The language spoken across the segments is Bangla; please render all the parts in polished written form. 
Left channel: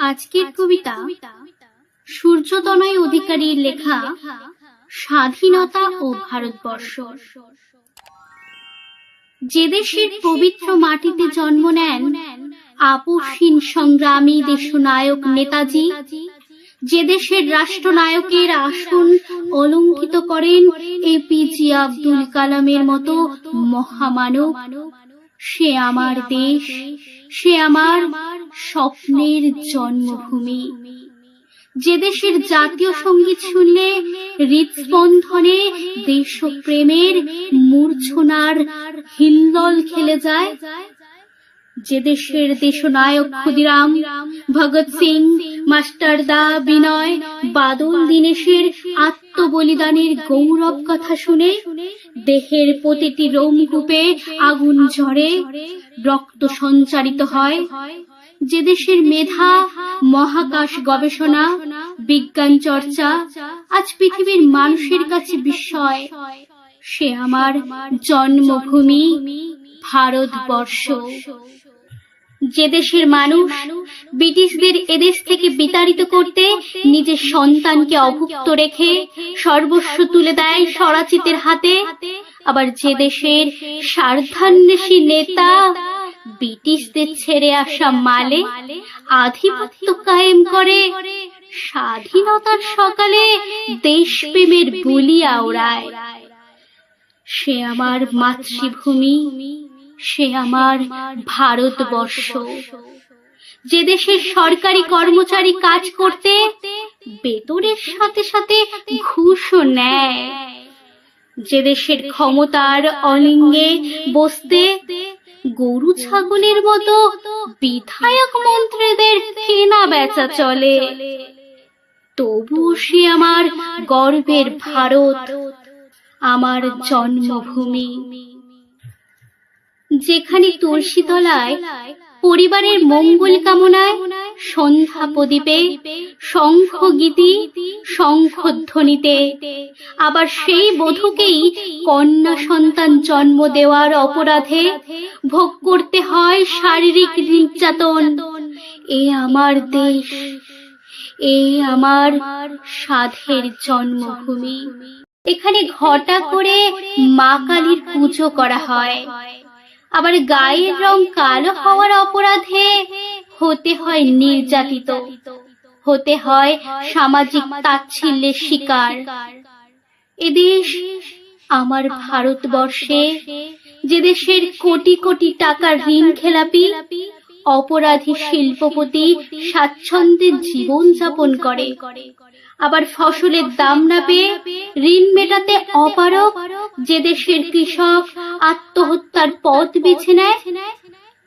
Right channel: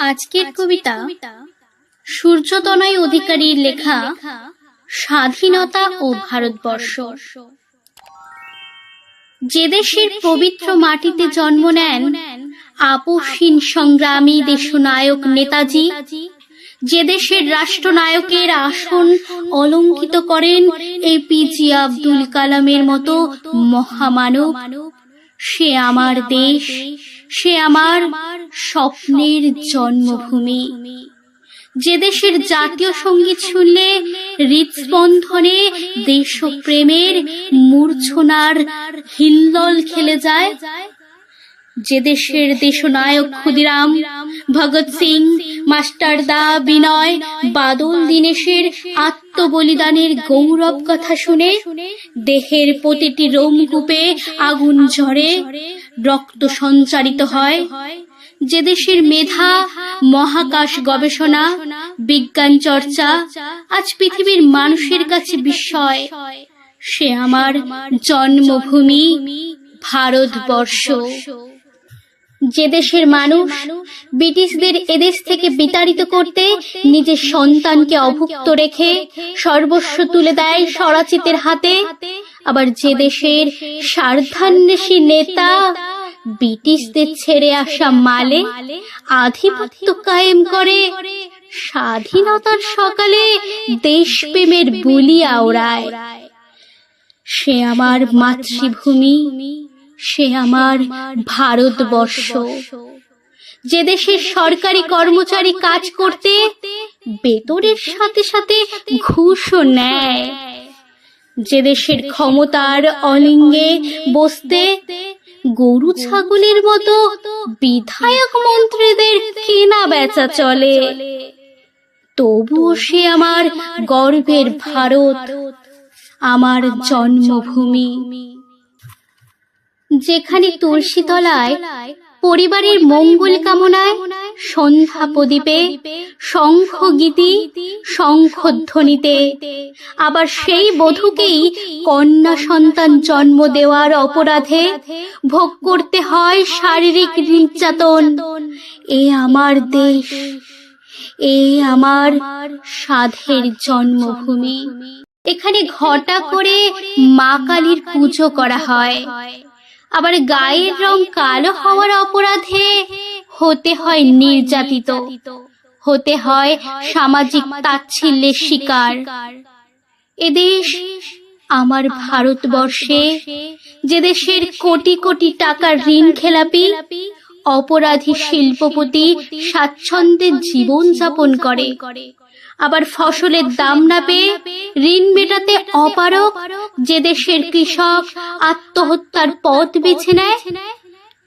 আজকের কবিতা সূর্যতনয় অধিকারীর লেখা স্বাধীনতা ও ভারতবর্ষ। যে দেশের পবিত্র মাটিতে জন্ম নেন আপসহীন সংগ্রামী দেশনায়ক নেতাজি, যে দেশের রাষ্ট্রনায়কের আসন অলঙ্কিত করেন এপিজে আব্দুল কালামের মতো মহামানব, সে আমার দেশ, সে আমার স্বপ্নের জন্মভূমি। যে দেশের জাতীয় সঙ্গীত শুনলে হৃদস্পন্দনে দেশপ্রেমের মূর্ছনার হিল্লোল খেলে যায়, যে দেশের দেশনায়ক ক্ষুদিরাম, ভগৎ সিং, মাস্টারদা, বিনয়, বাদল দীনেশের আত্মবলিদানের গৌরব কথা শুনে দেহের প্রতিটি রোমকূপে আগুন ঝরে, রক্ত সঞ্চারিত হয়, যে দেশের মেধা, মহাকাশ গবেষণা, বিজ্ঞান চর্চা আজ পৃথিবীর মানুষের কাছে বিস্ময়, সে আমার জন্মভূমি ভারতবর্ষ। যে দেশের মানুষ ব্রিটিশদের এদেশ থেকে বিতাড়িত করতে নিজের সন্তানকে অভুক্ত রেখে সর্বস্ব তুলে দেয় স্বরাচিতের হাতে, আবার যে দেশের স্বার্থান্বেষী নেতা ব্রিটিশদের ছেড়ে আসা মালে আধিপত্য কায়েম করে, স্বাধীনতার সকালে দেশপ্রেমের বুলি আওড়ায়, সে আমার মাতৃভূমি, সে আমার ভারতবর্ষ। যে দেশের সরকারি কর্মচারী কাজ করতে বেতনের সাথে সাথে ঘুষও নেয়, যে দেশের ক্ষমতার অলিঙ্গে বসতে গরু ছাগলের মতো বিধায়ক মন্ত্রীদের কেনা বেচা চলে, তবুও সে আমার গর্বের ভারত, আমার জন্মভূমি। যেখানে তুলসী তলায় পরিবারের মঙ্গল কামনায় সন্ধ্যা প্রদীপে শঙ্খ গীতি শঙ্খধ্বনিতে আবার সেই বধূকেই কন্যা সন্তান জন্ম দেওয়ার অপরাধে ভোগ করতে হয় শারীরিক নির্যাতন, এ আমার দেশ, এ আমার সাধের জন্মভূমি। এখানে ঘটা করে মা কালীর পুজো করা হয়, আবার গায়ের রং কালো হওয়ার অপরাধে হতে হয় নির্যাতিত, হতে হয় সামাজিক তাচ্ছিল্যের শিকার। এদেশ আমার ভারতবর্ষে, যে দেশের কোটি কোটি টাকার ঋণ খেলাপি অপরাধী শিল্পপতি স্বাচ্ছন্দ্যে জীবন যাপন করে, আবার ফসলের দাম না পেয়ে ঋণ মেটাতে অপারগ যে দেশের কৃষক আত্মহত্যার পথ বেছে নেয়,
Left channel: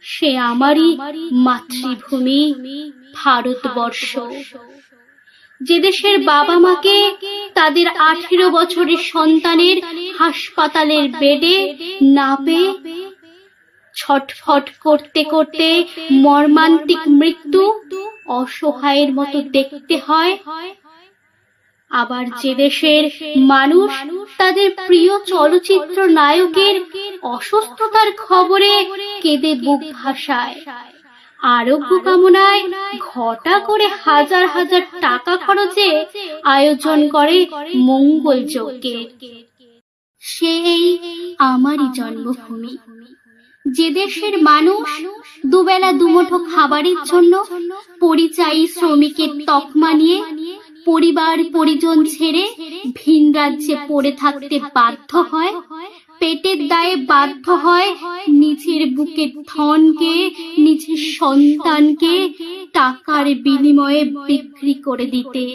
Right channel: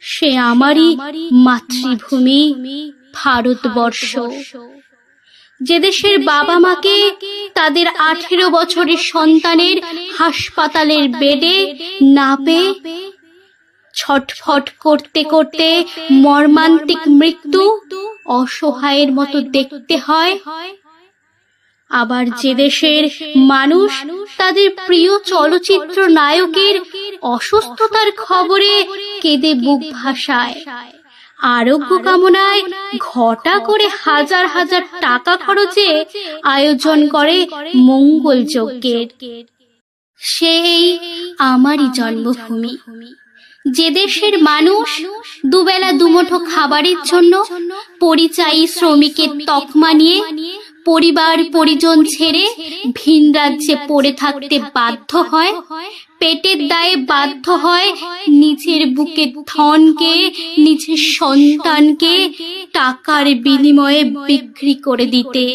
সে আমারই মাতৃভূমি ভারতবর্ষ। যে দেশের বাবা মাকে তাদের 18 বছরের সন্তানের হাসপাতালের বেডে না পেয়ে ছটফট করতে করতে মর্মান্তিক মৃত্যু অসহায়ের মতো দেখতে হয়, আবার যে দেশের মানুষ তাদের প্রিয় চলচ্চিত্র নায়কের অসুস্থতার খবরে কেঁদে বুক ভাসায়, আরোগ্য কামনায় ঘটা করে হাজার হাজার টাকা খরচে আয়োজন করে মঙ্গল যজ্ঞের, সেই আমারই জন্মভূমি। যে দেশের মানুষ দুবেলা দুমুঠো খাবারের জন্য পরিযায়ী শ্রমিকের তকমা নিয়ে পরিবার পরিজন ছেড়ে ভিন রাজ্যে পড়ে থাকতে বাধ্য হয়, পেটের দায়ে বাধ্য হয় নিজের বুকে ধনকে, নিজের সন্তানকে টাকার বিনিময়ে বিক্রি করে দিতে।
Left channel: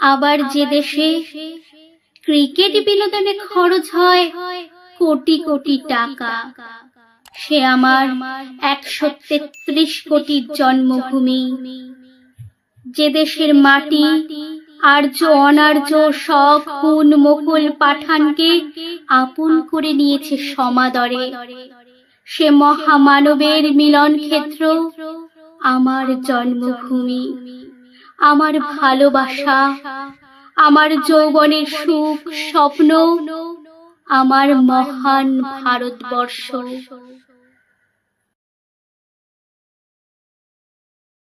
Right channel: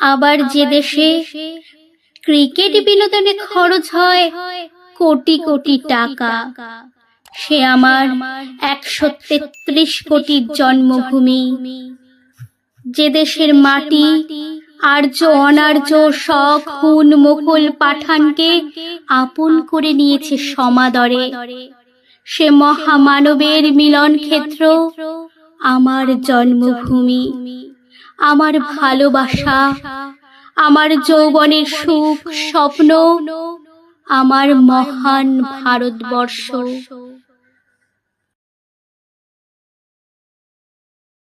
আবার যে দেশে ক্রিকেট বিনোদনে খরচ হয় কোটি কোটি টাকা, সে আমার 133 কোটির জন্মভূমি। যে দেশের মাটি আর্য অনার্য সব হুন মোগল পাঠানকে আপন করে নিয়েছে সমাদরে, সে মহামানবের মিলন ক্ষেত্র আমার জন্মভূমি। আমার ভালোবাসা, আমার যৌবনের সুখ স্বপ্ন, আমার মহান ভারতবর্ষ।